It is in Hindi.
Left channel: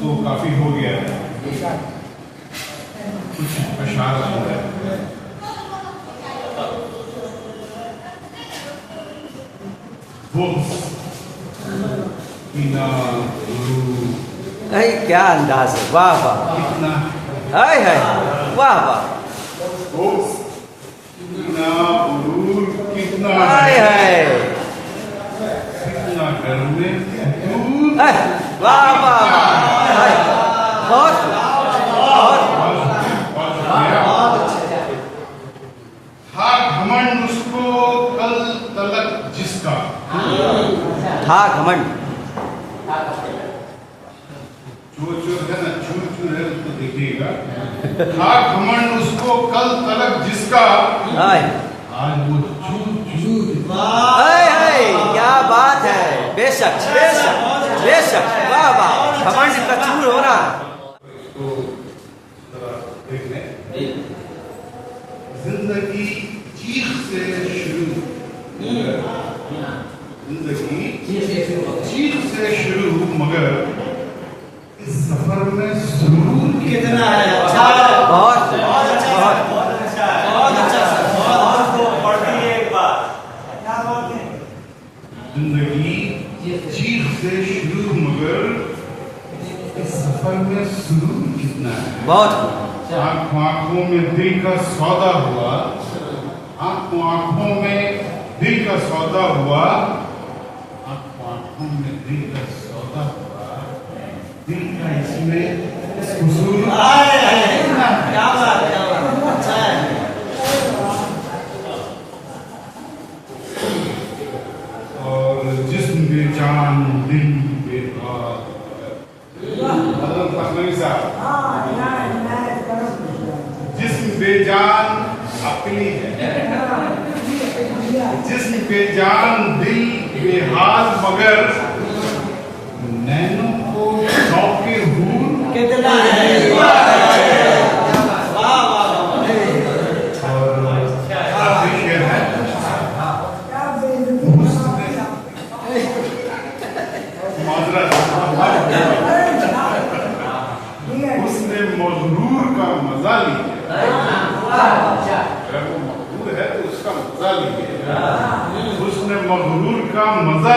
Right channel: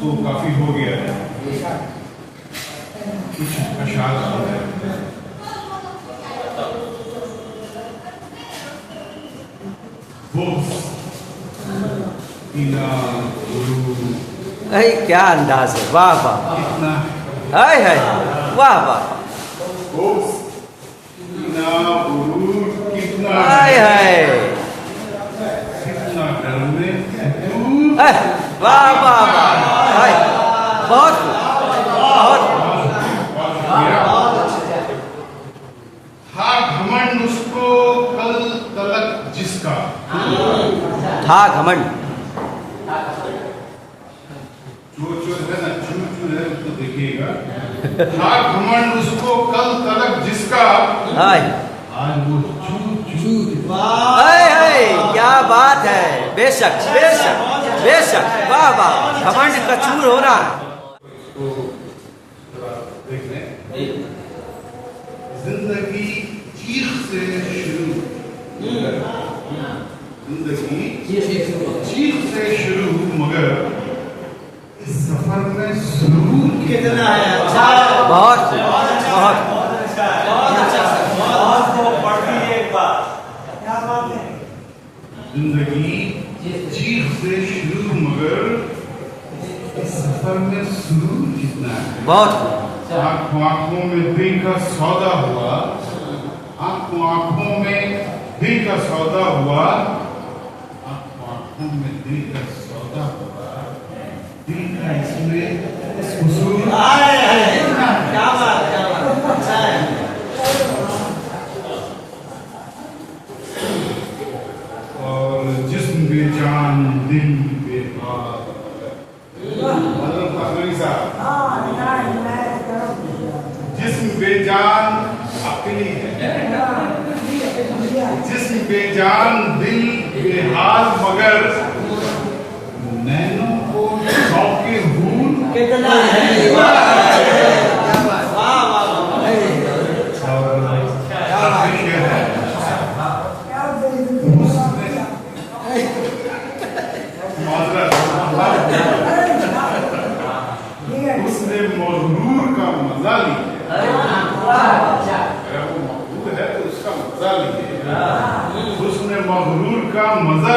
तो काफी हो गया है, कुछ अशार सुन रहे हैं। अरे क्या अंदाज है, वाह वाह, कितना हाय हाय, वाह वाह, कितना हाय हाय, कितना घर में वाह वाह वाह, हाय, बहुत बहुत था घमंड उसको कल तलक जिसका, था घमंड, जो है ना, चूर है उसको देखिएगा। था घमंड उसको कल तलक जिसका, हाय आज वो चूर हाय हाय, क्या बात है, बेशक बेशक बेशक, वाह वाह, घमंड का चूर होना। तो देख लें, जिंदगी चीख से शुरू, जिंदगी चीख से शुरू, मगर इस सफर में सुरूर कितना है। बहुत बहुत, जिंदगी चीख से शुरू, मगर इस सफर में सुरूर कितना है। बहुत आंखों में दिल का सौदा हुआ, आंखों में दिल का सौदा हुआ, आंखों में दिल का सौदा हुआ, दिल का इसमें कसूर क्या बात, अच्छा है। और जिस्म बेजान दिल बेबाक, जिस्म बेजान अपनी है, जिस्म बेजान दिल बेहाल, मगर नैनों को शौके हूर कितना है, उसने मजरूर का मजा लिया, अगर वो मजबूर है तो उसका मजा लिए, उसने मजरूर का मजा